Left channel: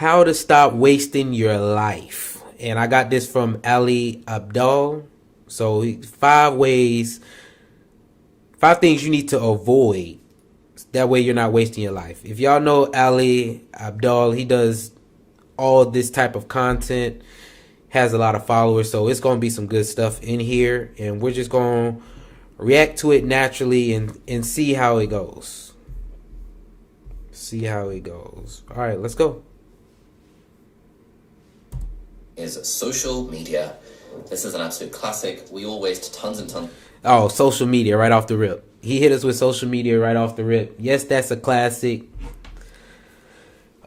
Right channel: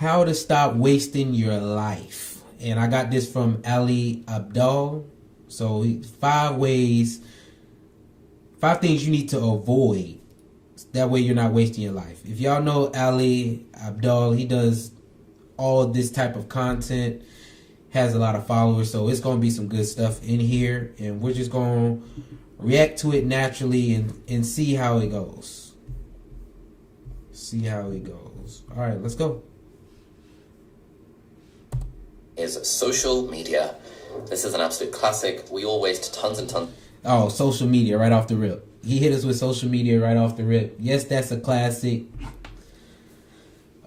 How to stop wasting your life. And I got this from Ali Abdaal. So 5 things you need to avoid. That way you're not wasting your life. If y'all know Ali Abdaal, he does all this type of content, has a lot of followers, so it's going to be some good stuff in here, and we're just going to react to it naturally and see how it goes. See how it goes. All right, let's go. Is social media. This is an absolute classic. We all waste tons and tons. Oh, social media right off the rip. He hit us with social media right off the rip. Yes, that's a classic.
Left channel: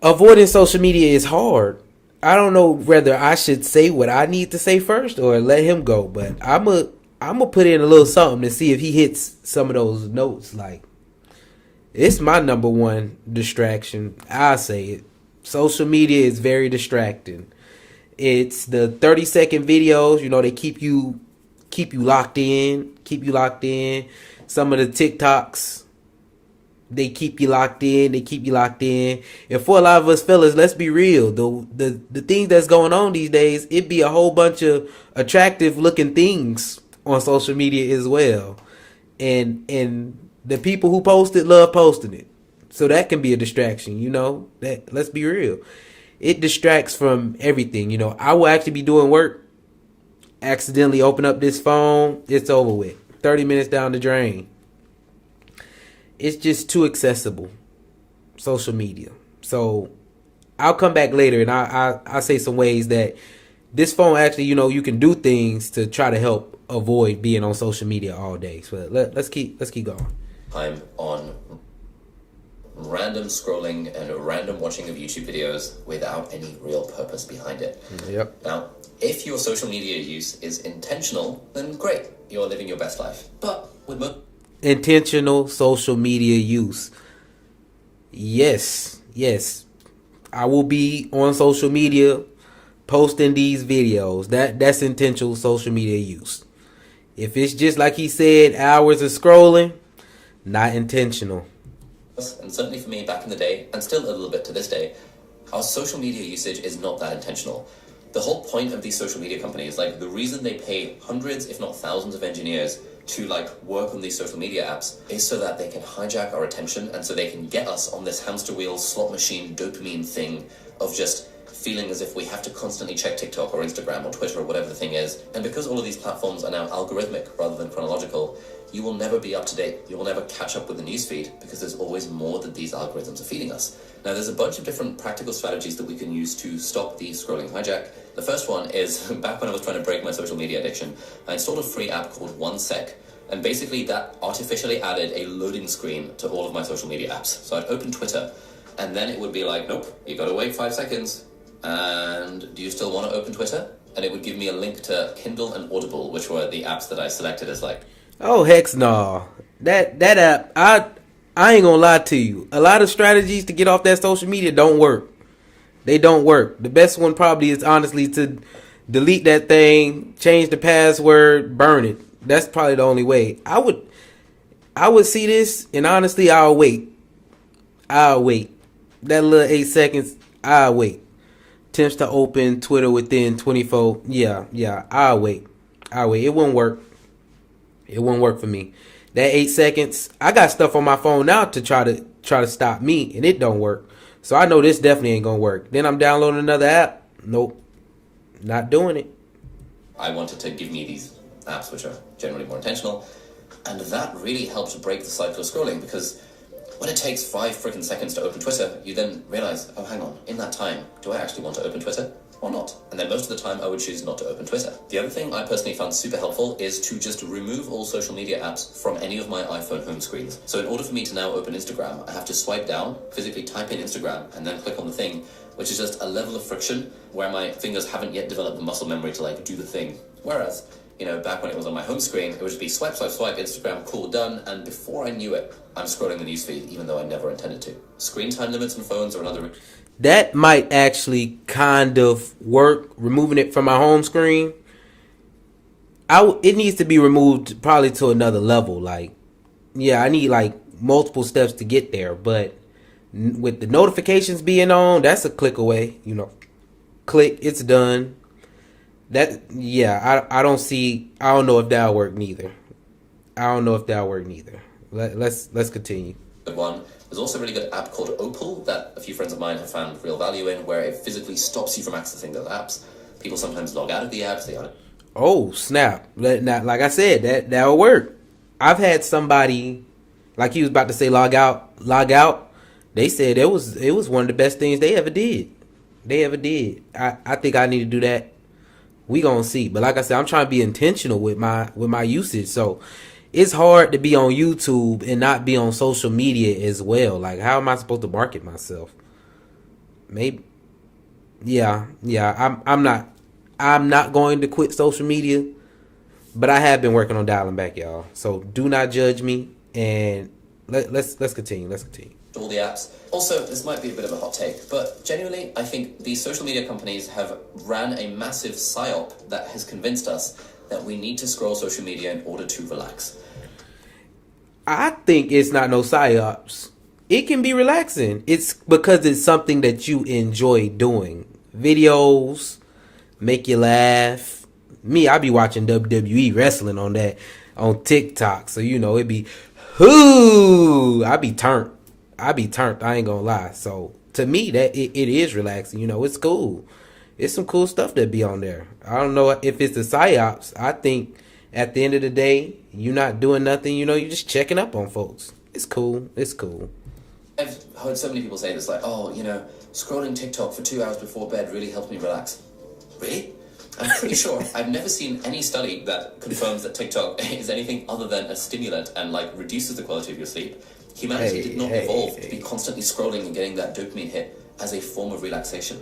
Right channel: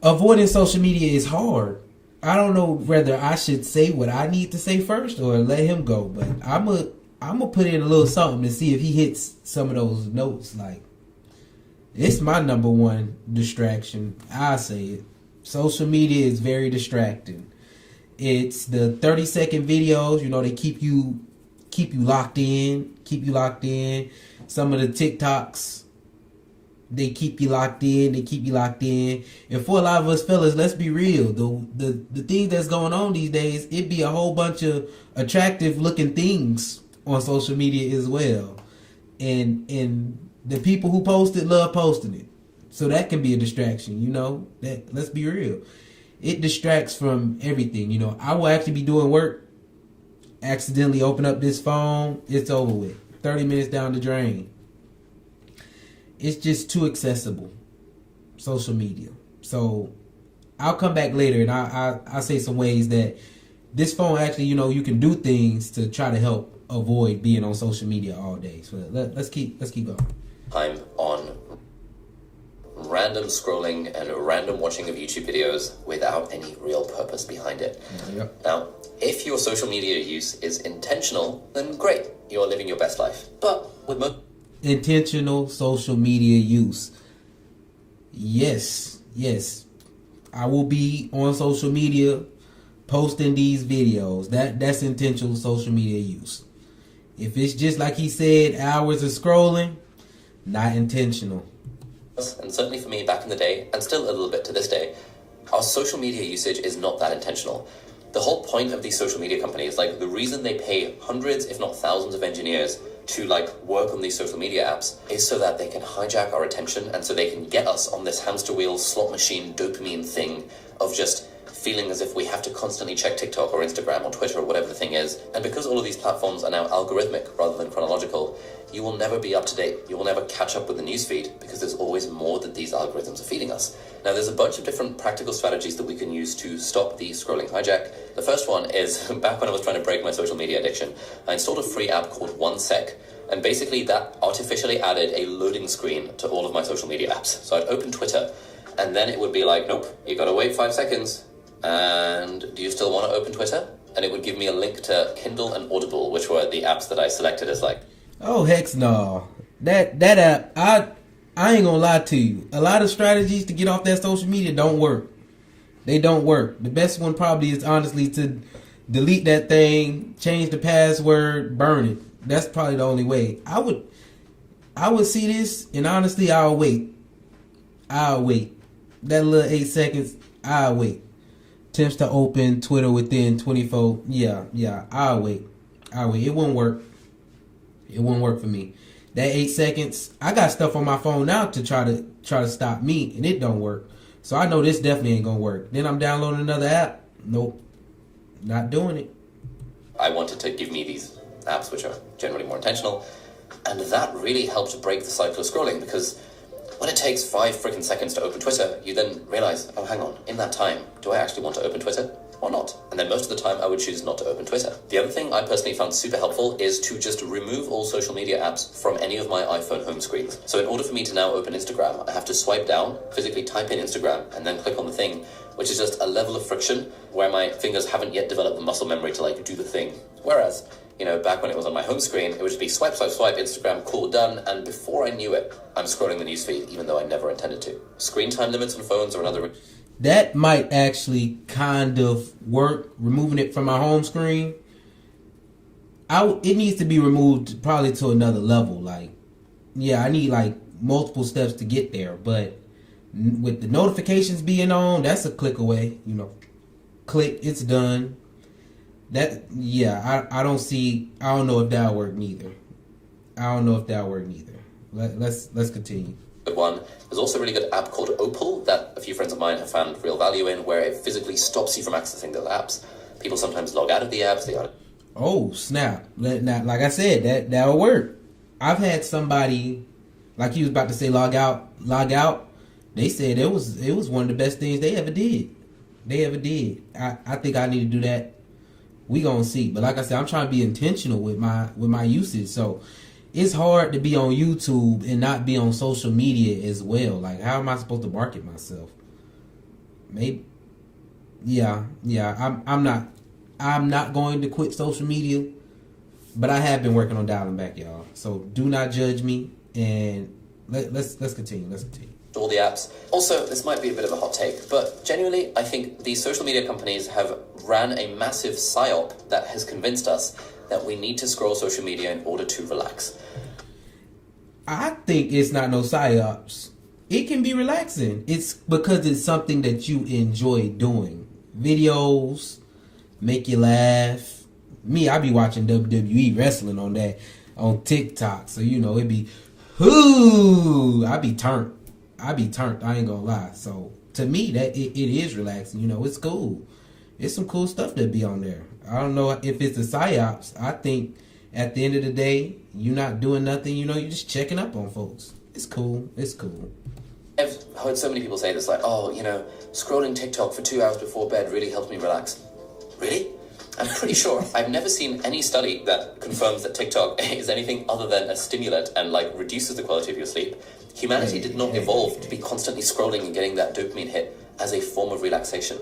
Avoiding social media is hard. I don't know whether I should say what I need to say first or let him go, but I'm a put in a little something to see if he hits some of those notes. Like, it's my number one distraction. I say it. Social media is very distracting. It's the 30-second videos. You know, they keep you locked in. Some of the TikToks, they keep you locked in. And for a lot of us fellas, let's be real. The thing that's going on these days, it be a whole bunch of attractive looking things on social media as well. And the people who post it love posting it. So that can be a distraction, you know. Let's be real. It distracts from everything, you know. I will actually be doing work, accidentally open up this phone, it's over with. 30 minutes down the drain. It's just too accessible, social media. So I'll come back later and I'll say some ways that this phone actually, you know, you can do things to try to help avoid being on social media all day. So let's keep going. I'm on random scrolling and random watching of YouTube videos without any real purpose behind it. Yep. Now, if your social media use is intentional, then great, you're living your best life. But with intentional social media use. Yes. I will be on social media posting these videos. That's intentional social media use. If it's just like he said, hours of scrolling, not intentional. And certainly for me back in the day, and still a little bit to this day, our social media usage is not that intentional. The whole point of these social media companies, like the reason they pay hundreds, if not thousands of engineers to like work on these social media apps is so that they can hijack our attention and so they can get us on this hamster wheel slot machine dopamine thing of just feeling as if we have to constantly check TikTok or Instagram or Twitter or whatever the thing is. And because all of these platforms are now algorithmic rather than chronological, you will never be up to date. You will never catch up with the newsfeed because there's always more that these algorithms are feeding us. Now, there's a bunch of different practical strategies that we can use to stop the scrolling hijack. The first one is, back when I was trying to break my social media addiction, I installed a free app called 1sec. And basically that artificially added a loading screen to all of my social media apps. So I'd open Twitter, and then it would be like, nope, you gotta wait 5 seconds. And do you still want to open Twitter? And it would give me a link to Kindle and Audible, which were the apps that I selected as like... Oh, heck no. That app, I ain't gonna lie to you. A lot of strategies to get off that social media don't work. They don't work. The best one probably is honestly to delete that thing, change the password, burn it. That's probably the only way. I would see this, and honestly, I'll wait. That little 8 seconds, I'll wait. Attempts to open Twitter within 24. Yeah, I'll wait. It won't work. It won't work for me. That 8 seconds, I got stuff on my phone now to try to stop me, and it don't work. So I know this definitely ain't gonna work. Then I'm downloading another app. Nope, not doing it. I wanted to give me these apps which are generally more intentional, and that really helped break the cycle of scrolling, because when it takes 5 freaking seconds to open Twitter, you then realize, oh, hang on, in that time, do I actually want to open Twitter or not? And then most of the time I would choose not to open Twitter. The other thing I personally found super helpful is to just remove all social media apps from any of my iPhone home screens. So in order for me to now open Instagram, I have to swipe down, physically type in Instagram, and then click on the thing, which is just a level of friction where my fingers haven't yet developed the muscle memory to like do the thing. Whereas, you know, back when it was on my home screen, it would just be swipe, Instagram, cool, done, and before I knew it, I'm scrolling the newsfeed, even though I never intended to. Screen time limits on phones are another... That might actually kind of work, removing it from my home screen. It needs to be removed probably to another level. Like, yeah, I need like multiple steps to get there, but With the notifications being on, that's a click away. Click, it's done. I don't know if that'll work neither. Let's continue. One. There's also a really good app called Opal that a few friends of mine have found real value in, where it physically stops you from accessing those apps. People sometimes log out of the apps. Oh, snap. Like I said, that'll work. I've had somebody, like he was about to say log out. They said it was one of the best things they ever did. I think I need to do that. We gonna see. But like I said, I'm trying to be intentional with my usage. So it's hard to be on YouTube and not be on social media as well. Like, how am I supposed to market myself? Maybe. Yeah. I'm not going to quit social media, but I have been working on dialing back, y'all. So do not judge me, and let's continue. All the apps. Also, this might be a bit of a hot take, but genuinely, I think these social media companies have ran a massive psyop that has convinced us that we need to scroll social media in order to relax. I think it's not no psyops. It can be relaxing. It's because it's something that you enjoy doing. Videos make you laugh. Me, I be watching WWE wrestling on TikTok. So it'd be, I be turned. I ain't gonna lie. So to me, that it is relaxing. It's cool. It's some cool stuff that be on there. I don't know if it's the psyops. I think at the end of the day, you're not doing nothing. You're just checking up on folks. It's cool. I've heard so many people say this, like, scrolling TikTok for 2 hours before bed really helps me relax. Really? I'm pretty sure I've never seen any study that confirms that TikTok is anything other than a stimulant and reduces the quality of your sleep. Humanity did not evolve to be constantly scrolling and getting that dopamine hit as a form of relaxation.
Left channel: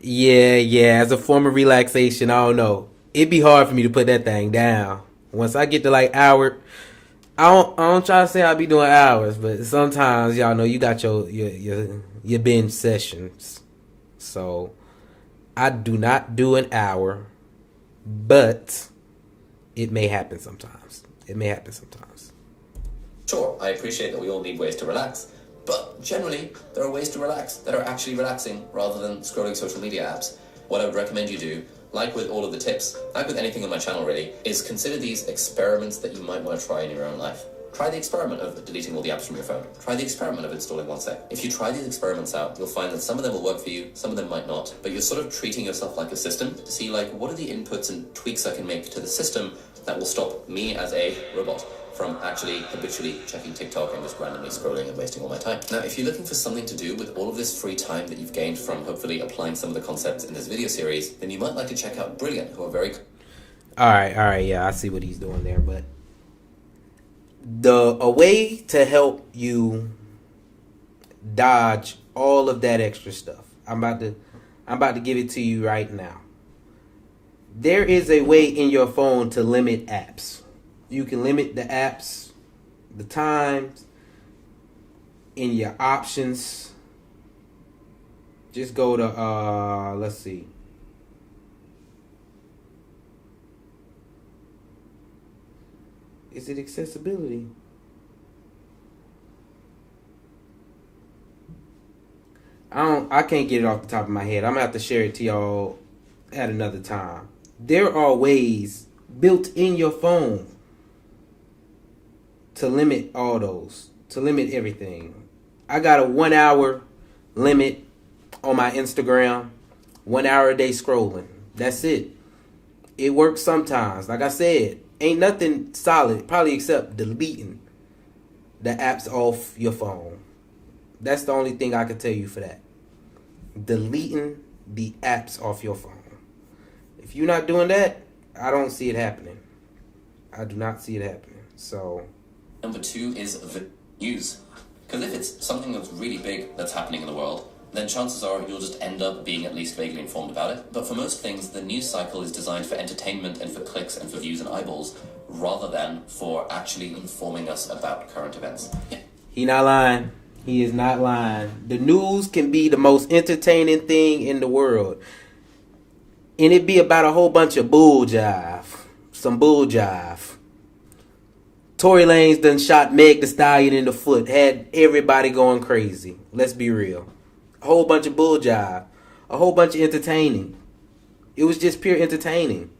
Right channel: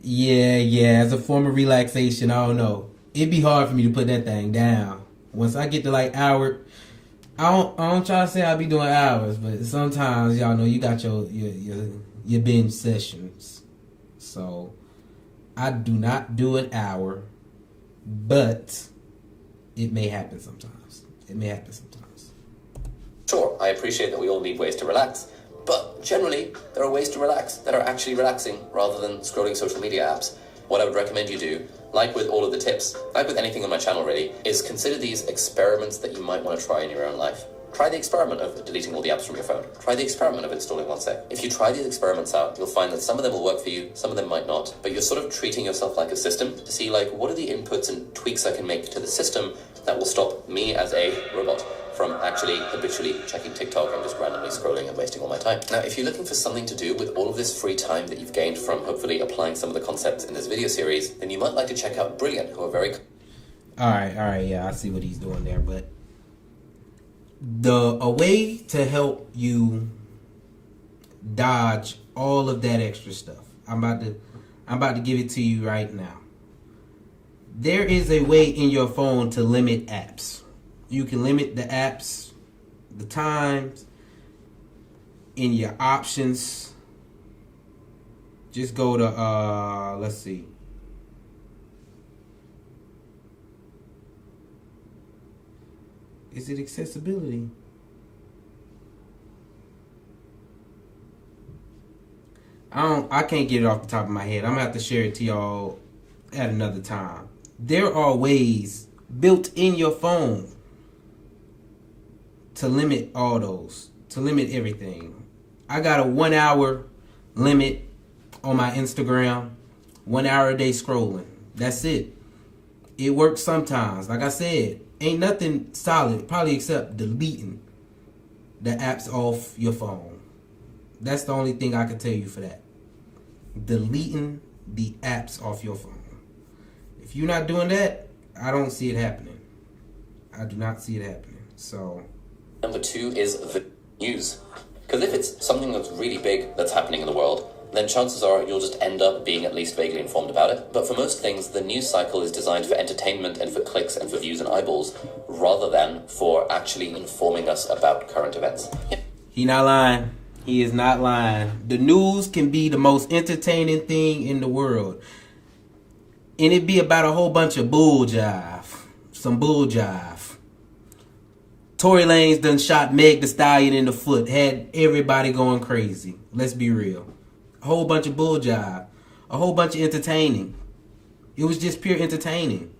Yeah, as a form of relaxation, I don't know. It'd be hard for me to put that thing down. Once I get to hour, I don't try to say I be doing hours, but sometimes y'all know you got your binge sessions. So I do not do an hour, but it may happen sometimes. Sure, I appreciate that we all need ways to relax, but generally, there are ways to relax that are actually relaxing rather than scrolling social media apps. What I would recommend you do, like with all of the tips, like with anything on my channel really, is consider these experiments that you might want to try in your own life. Try the experiment of deleting all the apps from your phone. Try the experiment of installing one set. If you try these experiments out, you'll find that some of them will work for you, some of them might not, but you're sort of treating yourself like a system to see what are the inputs and tweaks I can make to the system that will stop me as a robot from actually habitually checking TikTok and just randomly scrolling and wasting all my time. Now, if you're looking for something to do with all of this free time that you've gained from hopefully applying some of the concepts in this video series, then you might like to check out Brilliant, who are very... All right, yeah, I see what he's doing there, but a way to help you dodge all of that extra stuff, I'm about to give it to you right now. There is a way in your phone to limit apps. You can limit the apps, the times, in your options. Just go to, let's see. Is it accessibility? I can't get it off the top of my head. I'm going to have to share it to y'all at another time. There are ways built in your phone to limit all those, to limit everything. I got a 1 hour limit on my Instagram, 1 hour a day scrolling. That's it. It works sometimes. Like I said, ain't nothing solid, probably except deleting the apps off your phone. That's the only thing I can tell you for that. Deleting the apps off your phone. If you're not doing that, I don't see it happening. I do not see it happening. So... Number 2 is the news. Because if it's something that's really big that's happening in the world, then chances are you'll just end up being at least vaguely informed about it. But for most things, the news cycle is designed for entertainment and for clicks and for views and eyeballs, rather than for actually informing us about current events. He not lying. He is not lying. The news can be the most entertaining thing in the world. And it be about a whole bunch of bull jive. Some bull jive. Tory Lanez done shot Meg Thee Stallion in the foot. Had everybody going crazy. Let's be real. A whole bunch of bull jive. A whole bunch of entertaining. It was just pure entertaining.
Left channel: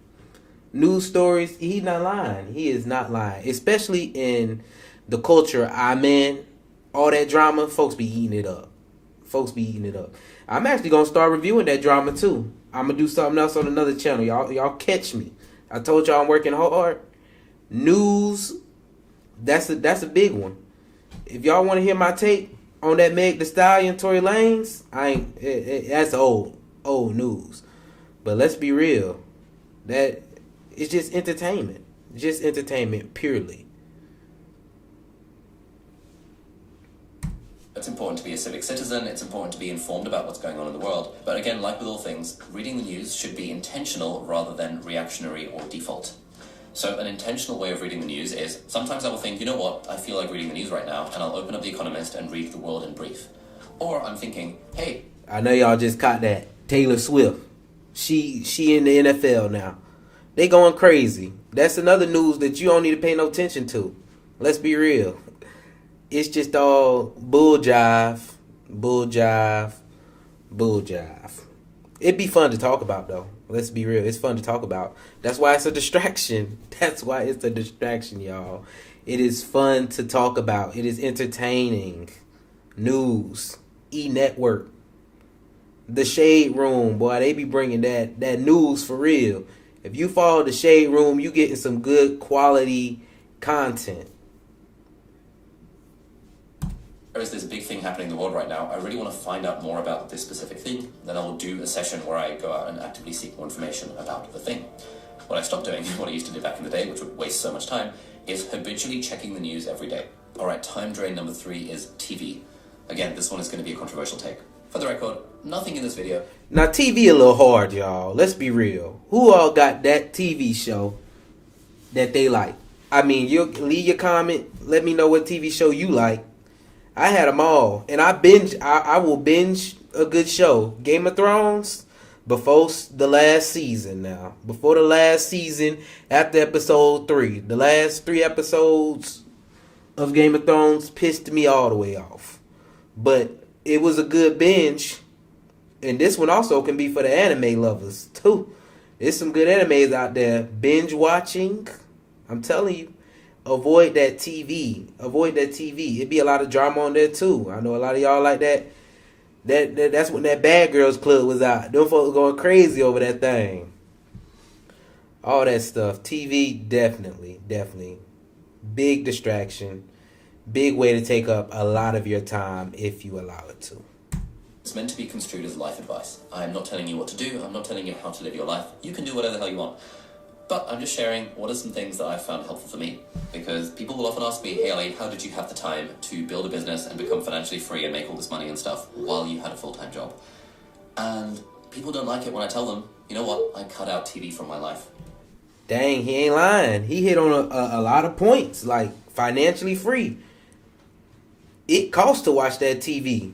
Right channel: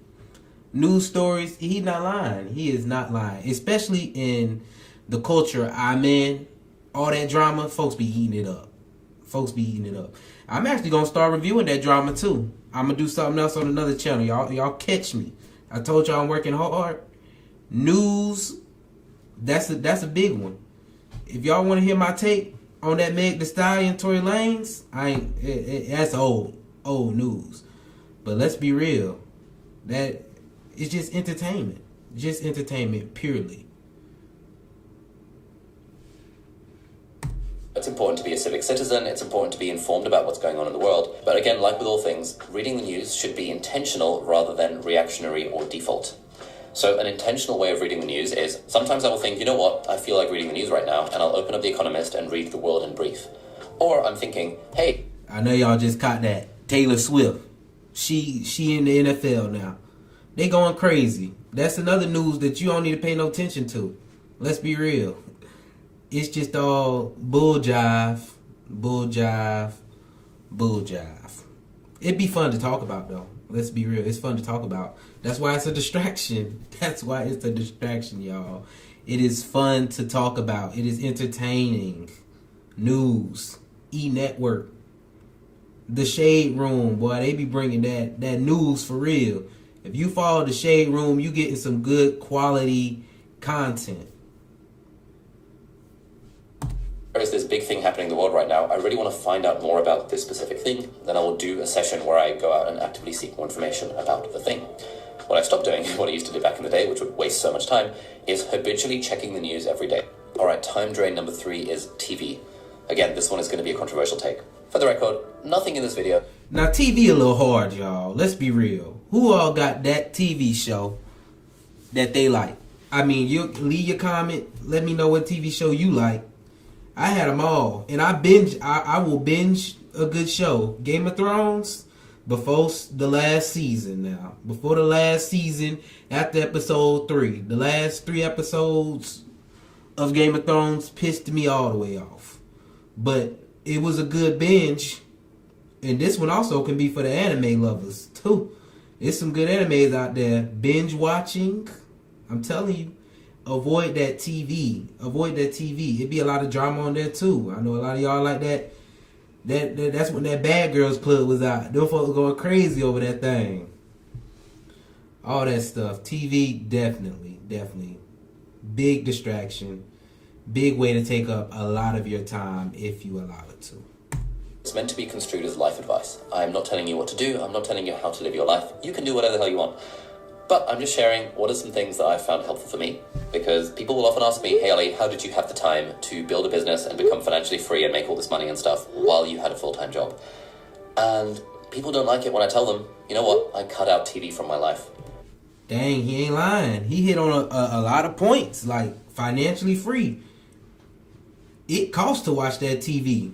News stories, he's not lying. He is not lying. Especially in the culture I'm in. All that drama, folks be eating it up. Folks be eating it up. I'm actually going to start reviewing that drama too. I'm going to do something else on another channel. Y'all catch me. I told y'all I'm working hard. News, that's a big one. If y'all want to hear my take on that Meg Thee Stallion, Tory Lanez, that's old news. But let's be real. That it's just entertainment. Just entertainment purely. It's important to be a civic citizen, it's important to be informed about what's going on in the world. But again, like with all things, reading the news should be intentional rather than reactionary or default. So an intentional way of reading the news is, sometimes I will think, you know what, I feel like reading the news right now, and I'll open up The Economist and read The World in Brief. Or I'm thinking, hey... I know y'all just caught that. Taylor Swift. She in the NFL now. They going crazy. That's another news that you don't need to pay no attention to. Let's be real. It's just all bull jive, bull jive, bull jive. It'd be fun to talk about, though. Let's be real. It's fun to talk about. That's why it's a distraction. That's why it's a distraction, y'all. It is fun to talk about. It is entertaining. News. E-Network. The Shade Room, boy. They be bringing that news for real. If you follow The Shade Room, you getting some good quality content. There is this big thing happening in the world right now. I really want to find out more about this specific thing. Then I will do a session where I go out and actively seek more information about the thing. What I stopped doing, what I used to do back in the day, which would waste so much time, is habitually checking the news every day. All right, time drain number 3 is TV. Again, this one is going to be a controversial take. For the record, nothing in this video. Now, TV a little hard, y'all. Let's be real. Who all got that TV show that they like? I mean, you leave your comment. Let me know what TV show you like. I had them all, and I will binge a good show. Game of Thrones before the last season. Now, before the last season, after episode 3, the last 3 episodes of Game of Thrones pissed me all the way off. But it was a good binge, and this one also can be for the anime lovers too. There's some good animes out there. Binge watching, I'm telling you. Avoid that TV. Avoid that TV. It'd be a lot of drama on there too. I know a lot of y'all like that. That's when that Bad Girls Club was out. Them folks going crazy over that thing. All that stuff. TV, definitely. Big distraction. Big way to take up a lot of your time if you allow it to. It's meant to be construed as life advice. I'm not telling you what to do. I'm not telling you how to live your life. You can do whatever the hell you want. But I'm just sharing what are some things that I've found helpful for me. Because people will often ask me, hey Ali, how did you have the time to build a business and become financially free and make all this money and stuff while you had a full-time job? And people don't like it when I tell them, you know what, I cut out TV from my life. Dang, he ain't lying. He hit on a lot of points, like financially free. It costs to watch that TV.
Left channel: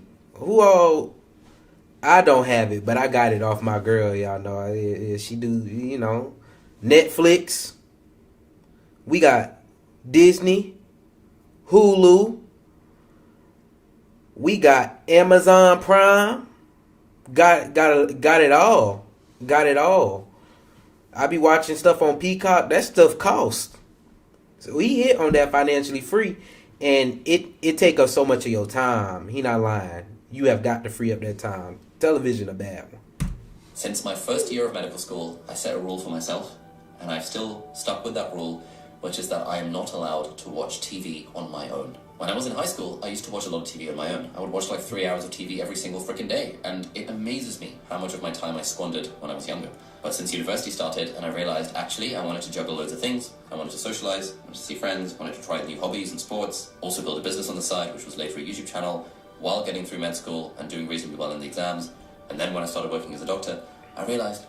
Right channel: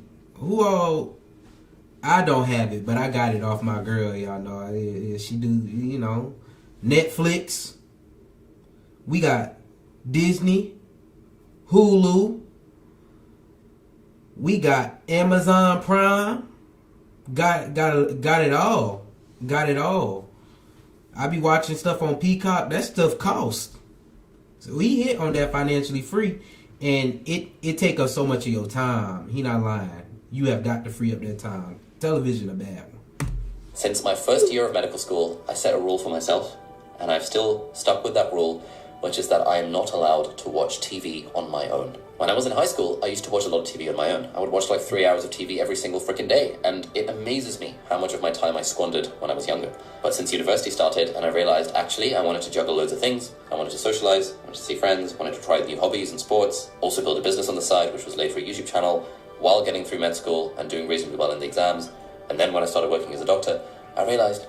I don't have it, but I got it off my girl, y'all know. She do, Netflix. We got Disney, Hulu. We got Amazon Prime. Got it all. Got it all. I be watching stuff on Peacock. That stuff costs. So he hit on that financially free, and it take up so much of your time. He not lying. You have got to free up that time. Television a bad one. Since my first year of medical school, I set a rule for myself, and I've still stuck with that rule, which is that I am not allowed to watch TV on my own. When I was in high school, I used to watch a lot of TV on my own. I would watch like 3 hours of TV every single freaking day, and it amazes me how much of my time I squandered when I was younger. But since university started, and I realized actually I wanted to juggle loads of things. I wanted to socialize, I wanted to see friends, wanted to try new hobbies and sports, also build a business on the side, which was later a YouTube channel, while getting through med school and doing reasonably well in the exams. And then when I started working as a doctor, I realized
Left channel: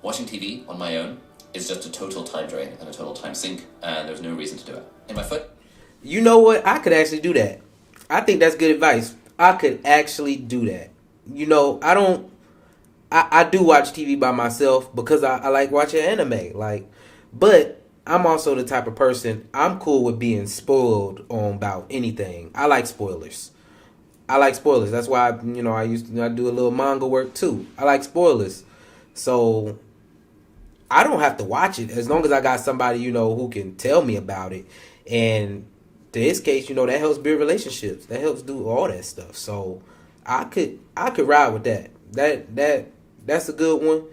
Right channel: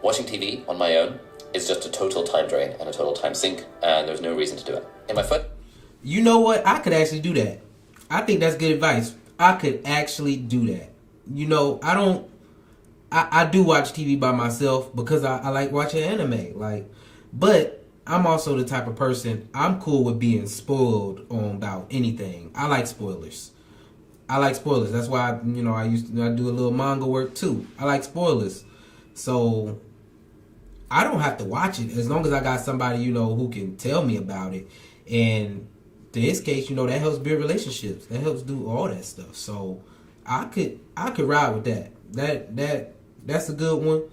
watching TV on my own is just a total time drain and a total time sink, and there's no reason to do it. In my foot. You know what? I could actually do that. I think that's good advice. I could actually do that. I do watch TV by myself because I like watching anime. But I'm also the type of person, I'm cool with being spoiled on about anything. I like spoilers. That's why I do a little manga work too. I like spoilers. So I don't have to watch it as long as I got somebody, who can tell me about it. And in his case, that helps build relationships. That helps do all that stuff. So I could ride with that. That's a good one.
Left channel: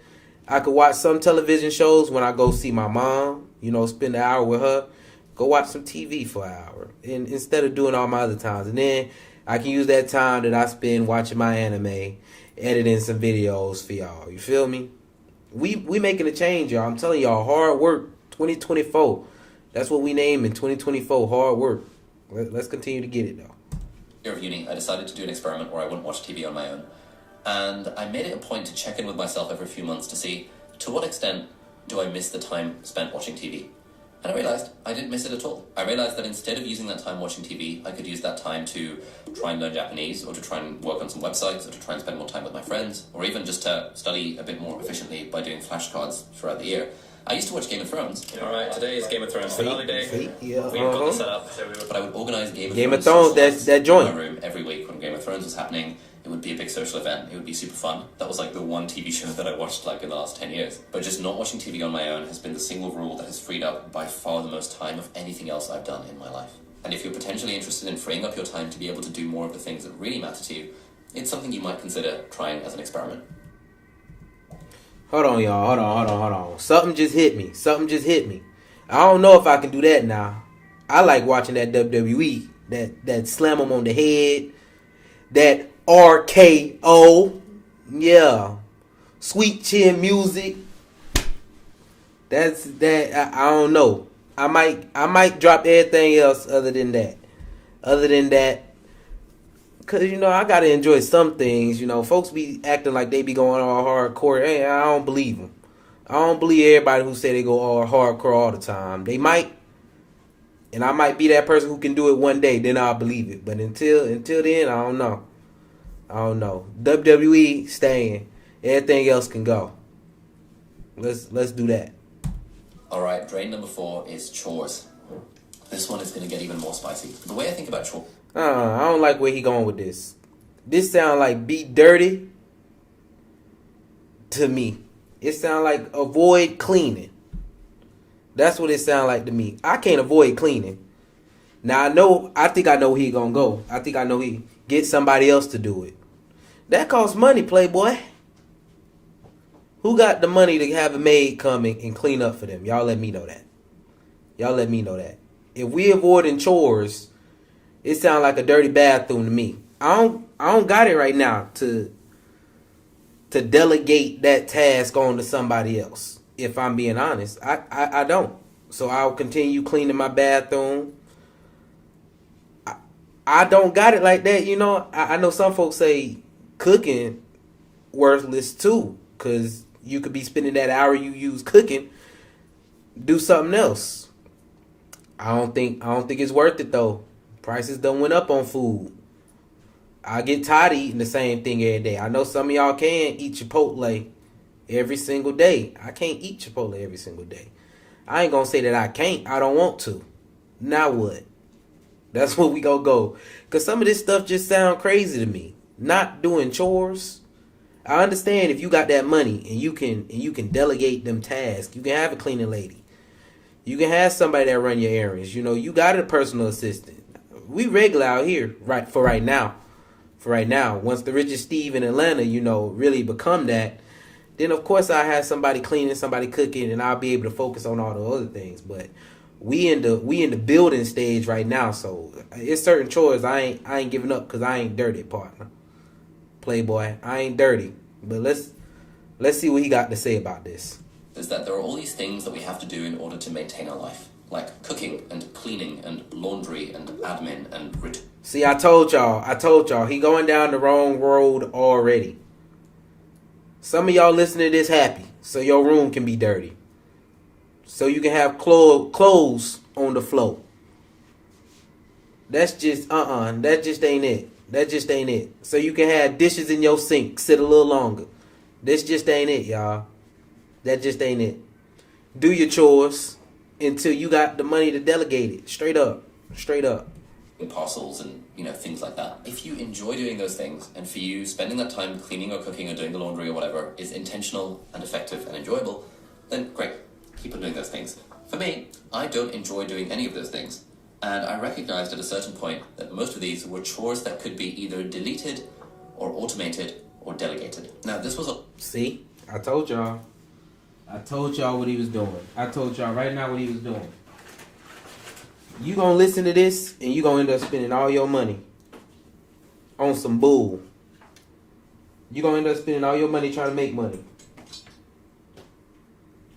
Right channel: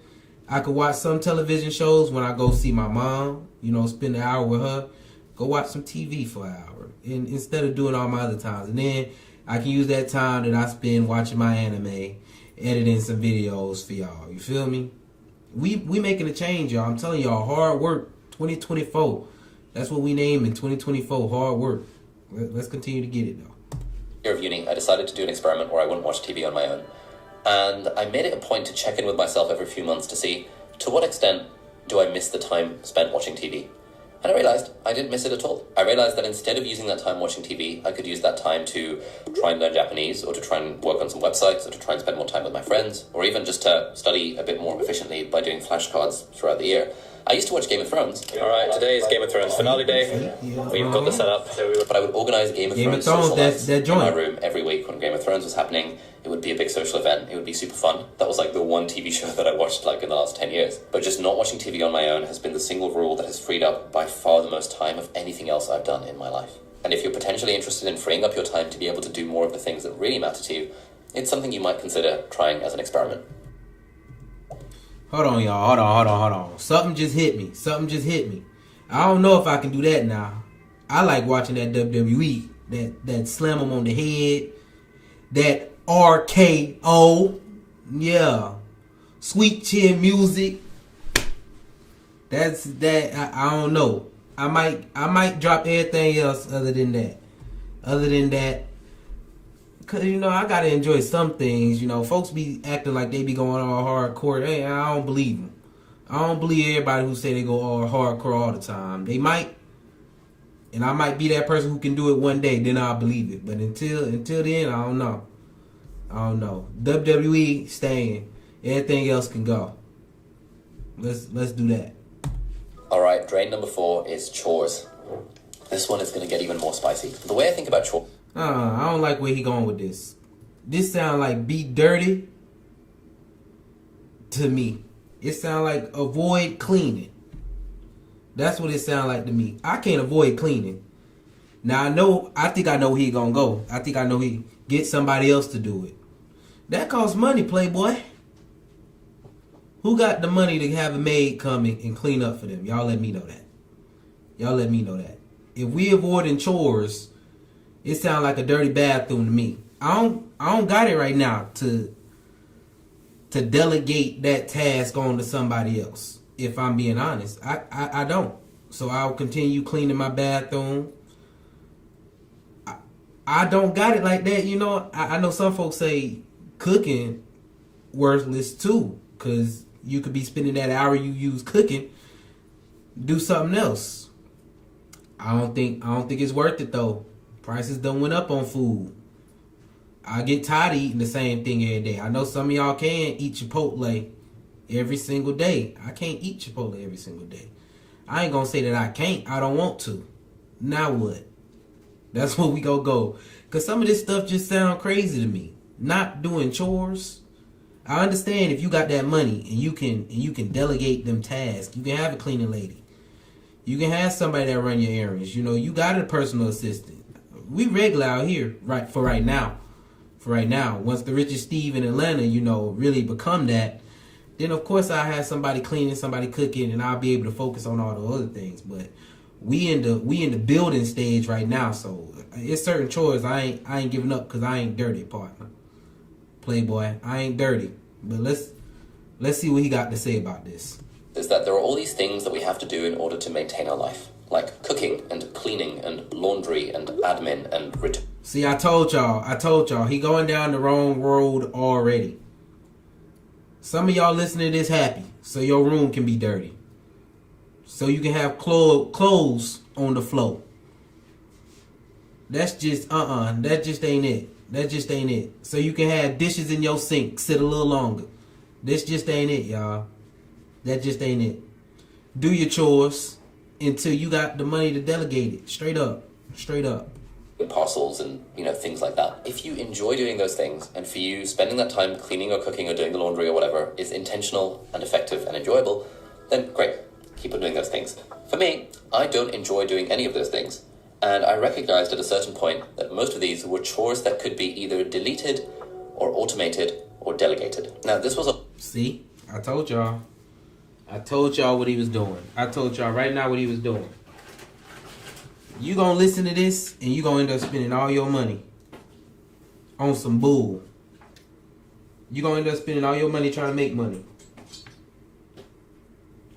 I could watch some television shows when I go see my mom, spend an hour with her. Go watch some TV for an hour. And instead of doing all my other times. And then I can use that time that I spend watching my anime, editing some videos for y'all. You feel me? We making a change, y'all. I'm telling y'all, hard work, 2024. That's what we name in 2024, hard work. Let's continue to get it, though. Year of uni, I decided to do an experiment where I wouldn't watch TV on my own. And I made it a point to check in with myself every few months to see to what extent do I miss the time spent watching TV. And I realized I didn't miss it at all. I realized that instead of using that time watching TV, I could use that time to try and learn Japanese, or to try and work on some websites, or to try and spend more time with my friends, or even just to study a bit more efficiently by doing flashcards throughout the year. I used to watch Game of Thrones. Alright, today is Game of Thrones finale day. We've got the setup. But I would organise Game of Thrones that joint in my room every week when Game of Thrones was happening. It would be a big social event. It would be super fun. That was like the one TV show that I watched like in the last 10 years. But just not watching TV on my own has been the single rule that has freed up by far the most time of anything else I've done in my life. And if you're potentially interested in freeing up your time to be able to do more of the things that really matter to you, it's something you might consider trying as an experiment. Hold on, y'all. Hold on. Something just hit me. I don't know if I can do that now. I like watching that WWE, that slam them on the head, that RKO, yeah, sweet chin music. That's that. I don't know. I might drop everything else other than that. Cause I gotta enjoy some things. Folks be acting like they be going all hardcore. Hey, I don't believe them. I don't believe everybody who say they go all hardcore all the time. They might, and I might be that person who can do it one day. Then I'll believe it. But until then, I don't know. WWE staying. Everything else can go. Let's do that. All right, drain number 4 is chores. This one is going to get even more spicy. The way I think about chores. I don't like where he going with this. This sound like be dirty to me. It sound like avoid cleaning. That's what it sound like to me. I can't avoid cleaning. Now I think I know where he gonna go. I think I know he get somebody else to do it. That costs money, Playboy. Who got the money to have a maid come and clean up for them? Y'all let me know that. If we avoiding chores, it sounds like a dirty bathroom to me. I don't got it right now to delegate that task on to somebody else. If I'm being honest, I don't. So I'll continue cleaning my bathroom. I don't got it like that. I know some folks say cooking worthless too, because you could be spending that hour you use cooking, do something else. I don't think it's worth it though. Prices done went up on food. I get tired of eating the same thing every day. I know some of y'all can eat Chipotle every single day. I can't eat Chipotle every single day. I ain't gonna say that I can't. I don't want to. Now what? That's where we gonna go. Because some of this stuff just sound crazy to me. Not doing chores. I understand if you got that money and you can delegate them tasks. You can have a cleaning lady. You can have somebody that run your errands. You got a personal assistant. We regular out here for right now. Once the richest Steve in Atlanta, really become that, then of course I have somebody cleaning, somebody cooking, and I'll be able to focus on all the other things. But we in the building stage right now, so it's certain chores I ain't giving up because I ain't dirty, partner. Playboy, I ain't dirty. But let's see what he got to say about this. Is that there are all these things that we have to do in order to maintain our life, like cooking and cleaning and laundry and admin and See, I told y'all, he going down the wrong road already. Some of y'all listening to this happy, so your room can be dirty. So you can have clothes on the floor. That's just, that just ain't it. So you can have dishes in your sink, sit a little longer. This just ain't it, y'all. That just ain't it. Do your chores. until you got the money to delegate it. Straight up. Parcels and things like that. If you enjoy doing those things, and for you spending that time cleaning or cooking or doing the laundry or whatever is intentional and effective and enjoyable, then great, keep on doing those things. For me, I don't enjoy doing any of those things, and I recognized at a certain point that most of these were chores that could be either deleted or automated or delegated. Now this was a... See, I told y'all what he was doing. I told y'all right now what he was doing. You gonna listen to this and you gonna end up spending all your money on some bull. You gonna end up spending all your money trying to make money.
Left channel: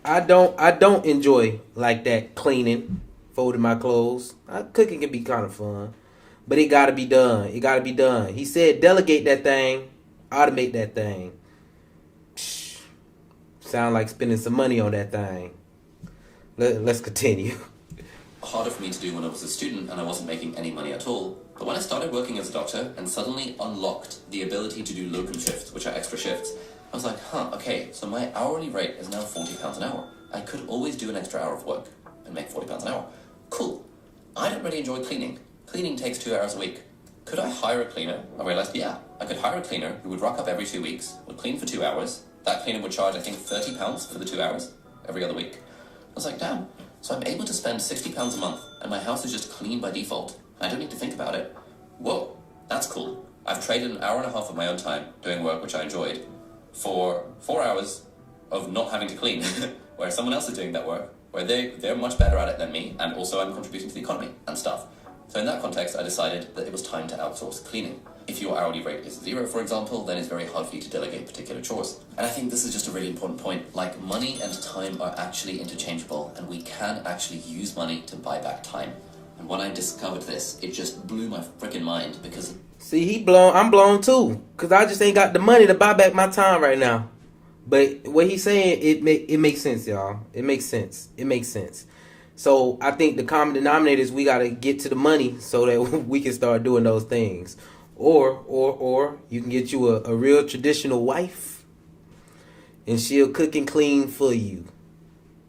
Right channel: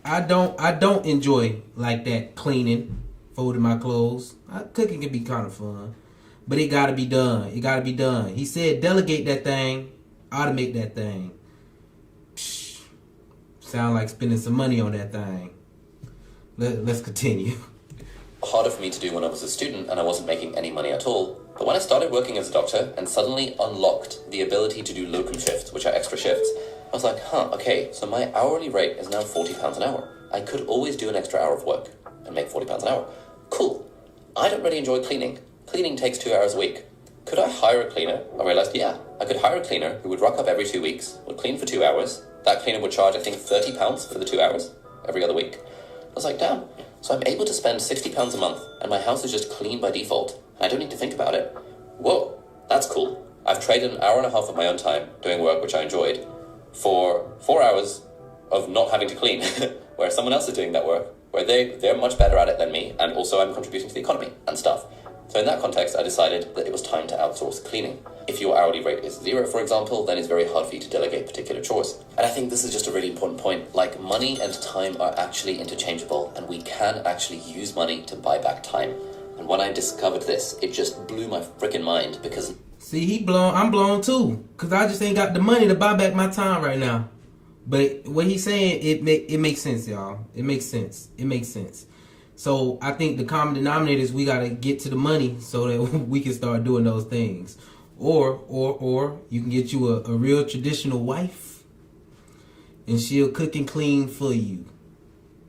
I don't enjoy like that cleaning, folding my clothes. Cooking can be kind of fun, but it gotta be done. He said delegate that thing, automate that thing. Sound like spending some money on that thing. Let's continue. Harder for me to do when I was a student and I wasn't making any money at all. But when I started working as a doctor and suddenly unlocked the ability to do locum shifts, which are extra shifts, I was like, okay, so my hourly rate is now £40 an hour. I could always do an extra hour of work and make £40 an hour. Cool. I don't really enjoy cleaning. Cleaning takes 2 hours a week. Could I hire a cleaner? I realized, yeah, I could hire a cleaner who would rock up every 2 weeks, would clean for 2 hours. That cleaner would charge, I think, £30 for the 2 hours every other week. I was like, damn. So I'm able to spend £60 a month, and my house is just clean by default. I don't need to think about it. Whoa, that's cool. I've traded an hour and a half of my own time doing work which I enjoyed for 4 hours of not having to clean, where someone else is doing that work, where they're much better at it than me, and also I'm contributing to the economy and stuff. So in that context, I decided that it was time to outsource cleaning. If your hourly rate is 0, for example, then it's very hard for you to delegate particular chores. And I think this is just a really important point. Like, money and time are actually interchangeable, and we can actually use money to buy back time. And when I discovered this, it just blew my freaking mind, because... See, I'm blown too, because I just ain't got the money to buy back my time right now. But what he's saying, it makes sense, y'all. It makes sense. So I think the common denominator is we got to get to the money so that we can start doing those things. Or you can get you a real traditional wife, and she'll cook and clean for you.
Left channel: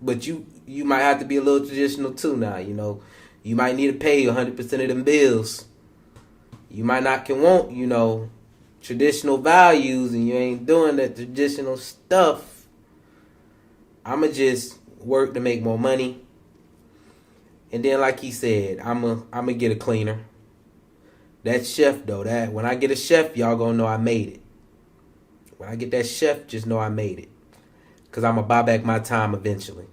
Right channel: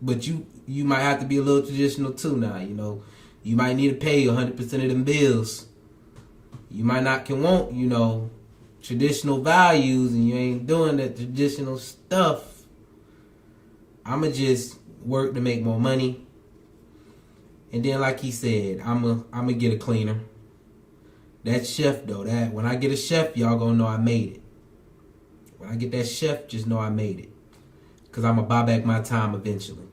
But you might have to be a little traditional too now, You might need to pay 100% of them bills. You might not can want, traditional values, and you ain't doing that traditional stuff. I'ma just work to make more money. And then, like he said, I'ma get a cleaner. That chef, though, when I get a chef, y'all gonna know I made it. When I get that chef, just know I made it. Because I'm gonna buy back my time eventually.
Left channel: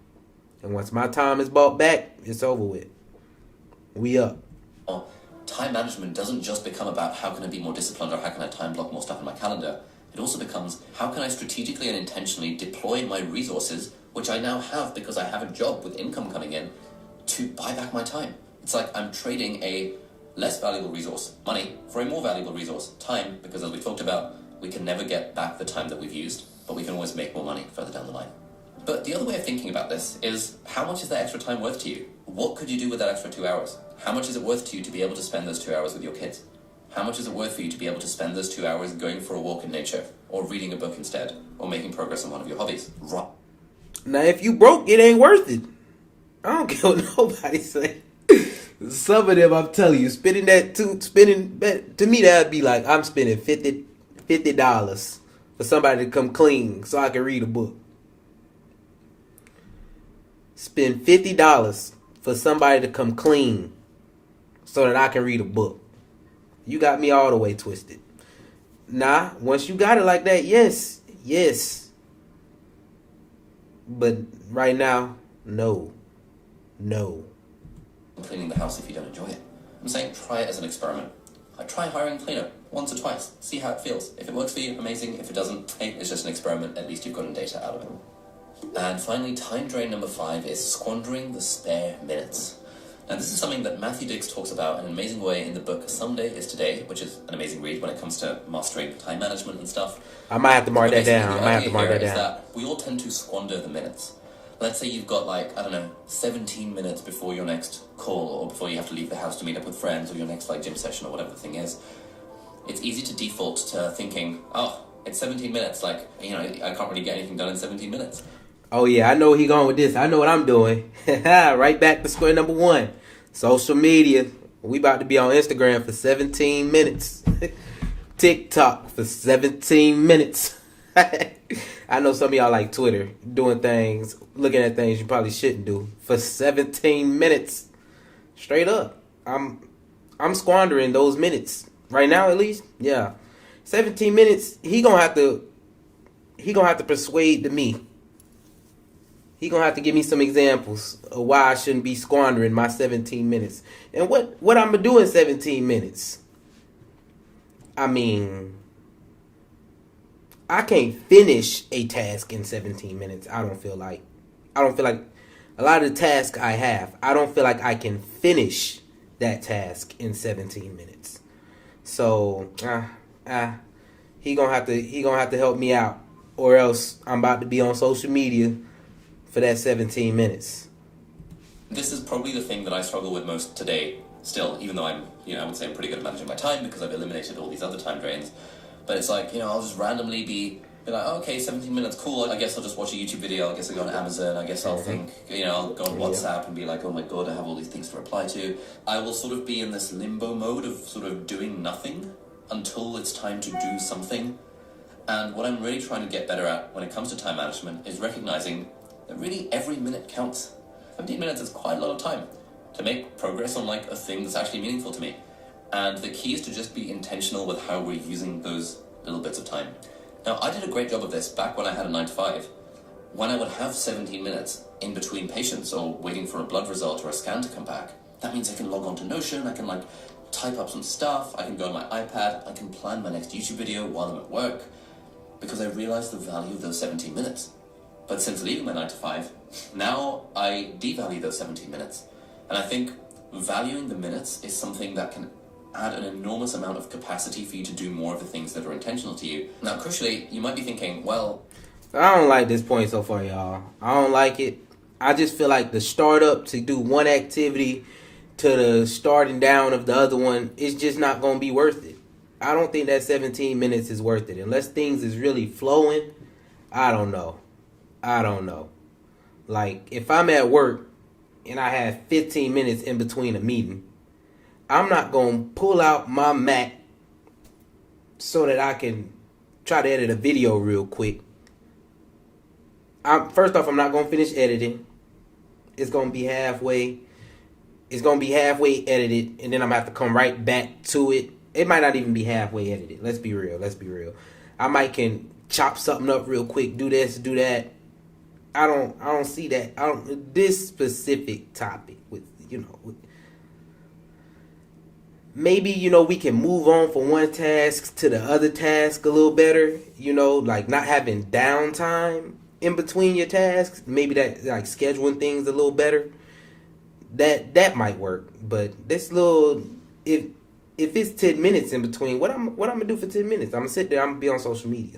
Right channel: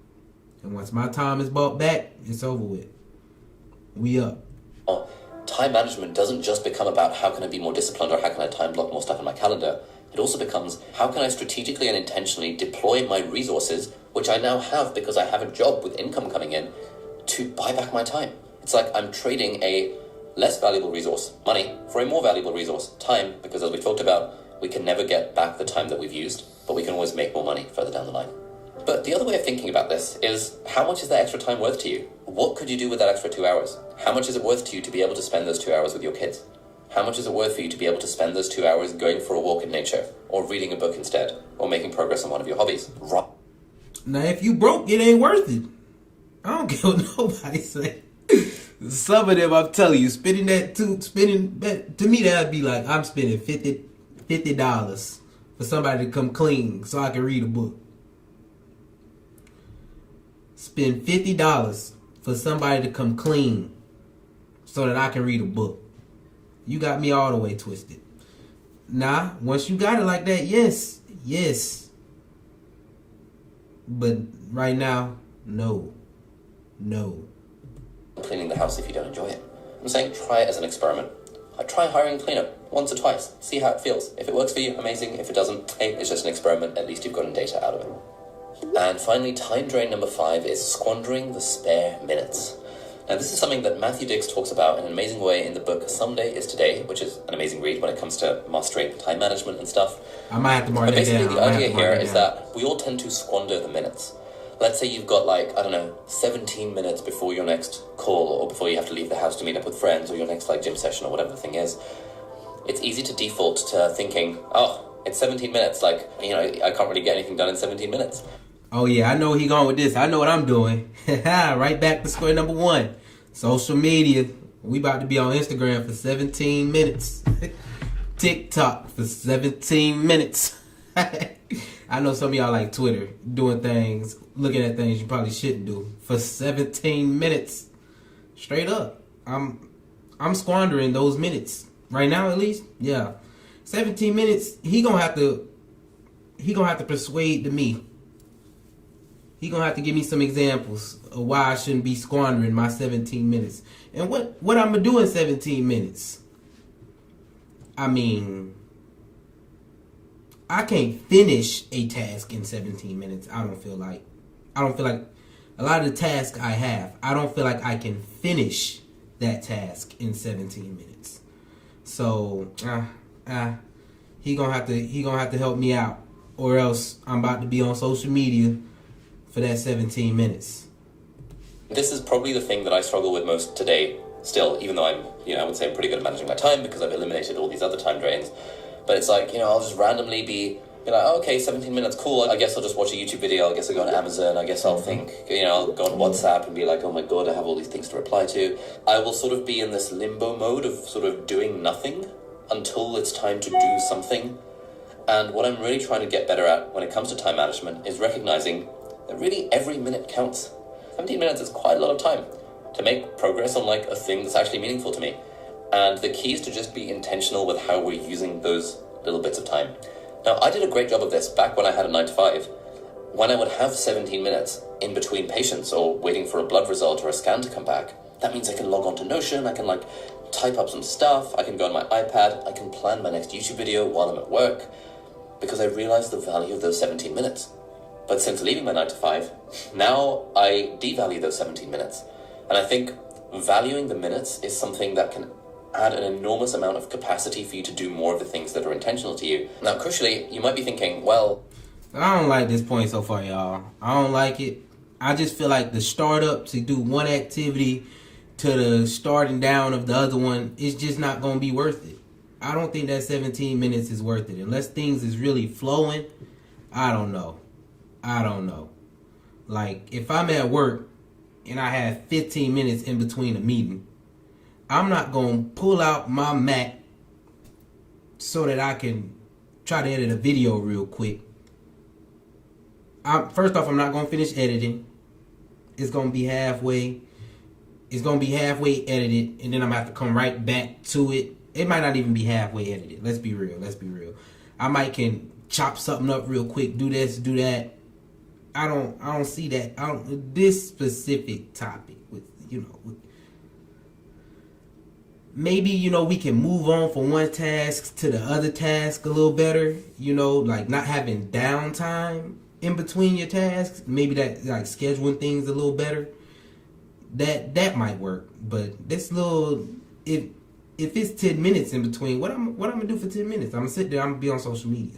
And once my time is bought back, it's over with. We up. Time management doesn't just become about how can I be more disciplined or how can I time block more stuff in my calendar. It also becomes how can I strategically and intentionally deploy my resources, which I now have because I have a job with income coming in, to buy back my time. It's like I'm trading a less valuable resource, money, for a more valuable resource, time, because as we talked about, we can never get back the time that we've used, but we can always make more money further down the line. But the other way of thinking about this is, how much is that extra time worth to you? What could you do with that extra 2 hours? How much is it worth to you to be able to spend those 2 hours with your kids? How much is it worth for you to be able to spend those 2 hours going for a walk in nature, or reading a book instead, or making progress on one of your hobbies? Now, if you broke, it ain't worth it. I don't care what nobody say. Some of them, I'm telling you, to me, that'd be like I'm spending $50 for somebody to come clean so I can read a book. Spend $50 for somebody to come clean so that I can read a book. You got me all the way twisted. Nah, once you got it like that, yes. But right now, no. Cleaning the house if you don't enjoy it. I'm saying try it as an experiment. I try hiring a cleaner once or twice. See how it feels. If it works for you, amazing. If it doesn't, hey, it's just an experiment. At least you've gotten data out of it. And finally, time drain number 5 is squandering the spare minutes. Now, this is something that Matthew Dix talks about in an amazing way in the book Someday is Today, which is an amazing read when it comes to mastering time management and stuff. I might have to mark that down. The idea here is that we all tend to squander the minutes. Let's say you've got 17 minutes before your next call, or before you have to leave the house to meet up with friends, or your next gym session, or whatever the thing is. It's easy to default to thinking, it's 17 minutes, I can't really get anything done in 17 minutes. Oh yeah, I know he going with this. I know what I'm doing. Right back to square number one. Social media. We about to be on Instagram for 17 minutes. TikTok for 17 minutes. I know some of y'all like Twitter, doing things, looking at things you probably shouldn't do for 17 minutes. Straight up. I'm squandering those minutes. Right now at least. Yeah. 17 minutes, he gonna have to persuade to me. He gonna have to give me some examples of why I shouldn't be squandering my 17 minutes. And what I'm gonna do in 17 minutes? I mean, I can't finish a task in 17 minutes. I don't feel like a lot of the tasks I have, I don't feel like I can finish that task in 17 minutes. So, he gonna have to help me out, or else I'm about to be on social media for that 17 minutes. This is probably the thing that I struggle with most today, still, even though I would say I'm pretty good at managing my time because I've eliminated all these other time drains. But it's like, I'll just randomly be like, oh, okay, 17 minutes, cool. I guess I'll just watch a YouTube video. I guess I'll go on Amazon. I guess I'll think, I'll go on WhatsApp and be like, oh my God, I have all these things to reply to. I will sort of be in this limbo mode of sort of doing nothing until it's time to do something. And what I'm really trying to get better at when it comes to time management is recognizing that really every minute counts. 17 minutes is quite a lot of time to make progress on like a thing that's actually meaningful to me. And the key is to just be intentional with how we're using those little bits of time. Now, I did a great job of this back when I had a 9 to 5. When I would have 17 minutes in between patients or waiting for a blood result or a scan to come back, that means I can log on to Notion, I can like type up some stuff, I can go on my iPad, I can plan my next YouTube video while I'm at work, because I realized the value of those 17 minutes. But since leaving my 9 to 5, now I devalue those 17 minutes. And I think valuing the minutes is something that can add an enormous amount of capacity for you to do more of the things that are intentional to you. Now, crucially, you might be thinking, well... I don't like this point so far, y'all. I don't like it. I just feel like the startup to do one activity to the starting down of the other one is just not going to be worth it. I don't think that 17 minutes is worth it. Unless things is really flowing, I don't know. Like, if I'm at work and I have 15 minutes in between a meeting, I'm not going to pull out my Mac so that I can try to edit a video real quick. First off, I'm not going to finish editing. It's going to be halfway. It's going to be halfway edited, and then I'm going to have to come right back to it. It might not even be halfway edited. Let's be real. I might can chop something up real quick, do this, do that. I don't see that. This specific topic with, maybe, we can move on from one task to the other task a little better, like not having downtime in between your tasks. Maybe that, like, scheduling things a little better. That might work. But this little, if it's 10 minutes in between, what I'm gonna do for 10 minutes? I'm gonna sit there, I'm gonna be on social media.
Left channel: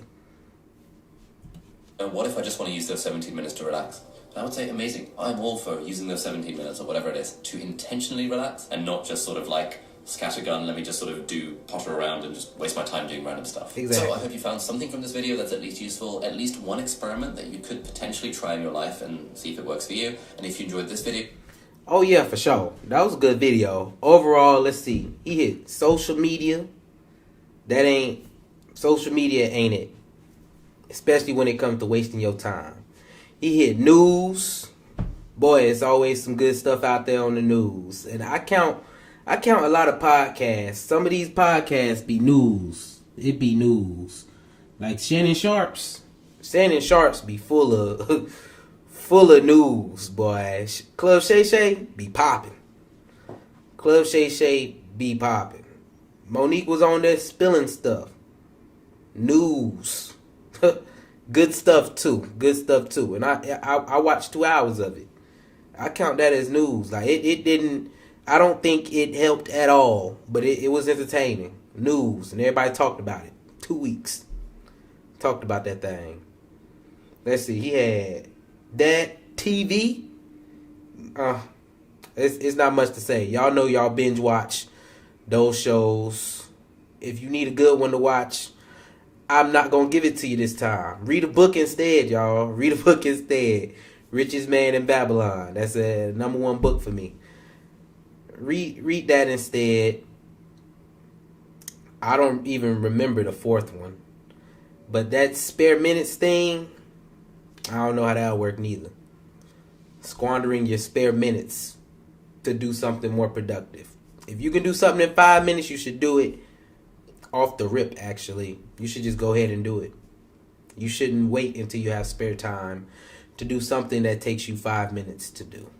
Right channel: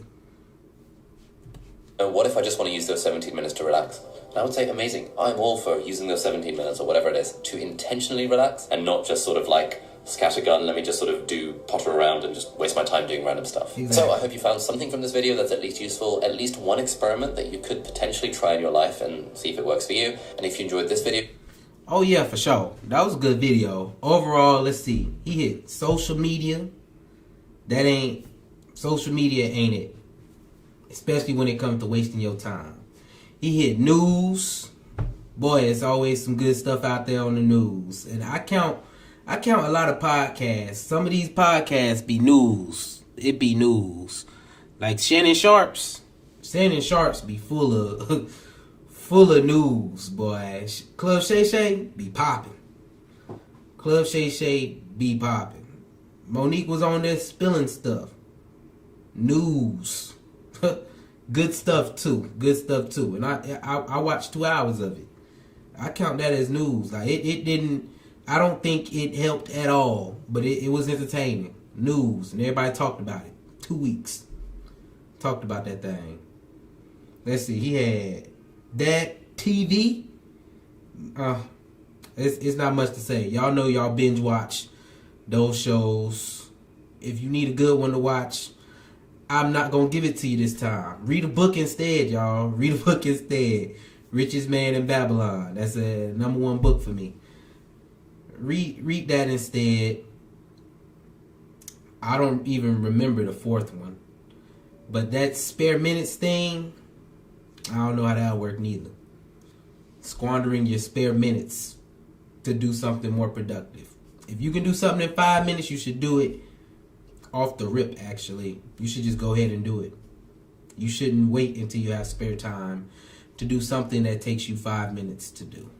And what if I just want to use those 17 minutes to relax? And I would say, amazing. I'm all for using those 17 minutes or whatever it is to intentionally relax and not just sort of like scattergun, let me just sort of potter around and just waste my time doing random stuff. Exactly. So I hope you found something from this video that's at least useful, at least one experiment that you could potentially try in your life and see if it works for you. And if you enjoyed this video... Oh yeah, for sure. That was a good video. Overall, let's see. He hit social media. Social media ain't it. Especially when it comes to wasting your time. He hit news. Boy, it's always some good stuff out there on the news. And I count a lot of podcasts. Some of these podcasts be news. It be news. Like Shannon Sharps be full of news, boy. Club Shay Shay be popping. Monique was on there spilling stuff. News. Good stuff too. And I watched 2 hours of it. I count that as news. Like it didn't. I don't think it helped at all, but it was entertaining. News, and everybody talked about it. 2 weeks. Talked about that thing. Let's see. He had that TV. It's not much to say. Y'all know y'all binge watch those shows. If you need a good one to watch, I'm not gonna give it to you this time. Read a book instead, y'all. Read a book instead. Richest Man in Babylon. That's a #1 book for me. Read that instead. I don't even remember the 4th one. But that spare minutes thing, I don't know how that'll work neither. Squandering your spare minutes to do something more productive. If you can do something in 5 minutes, you should do it off the rip, actually. You should just go ahead and do it. You shouldn't wait until you have spare time to do something that takes you 5 minutes to do.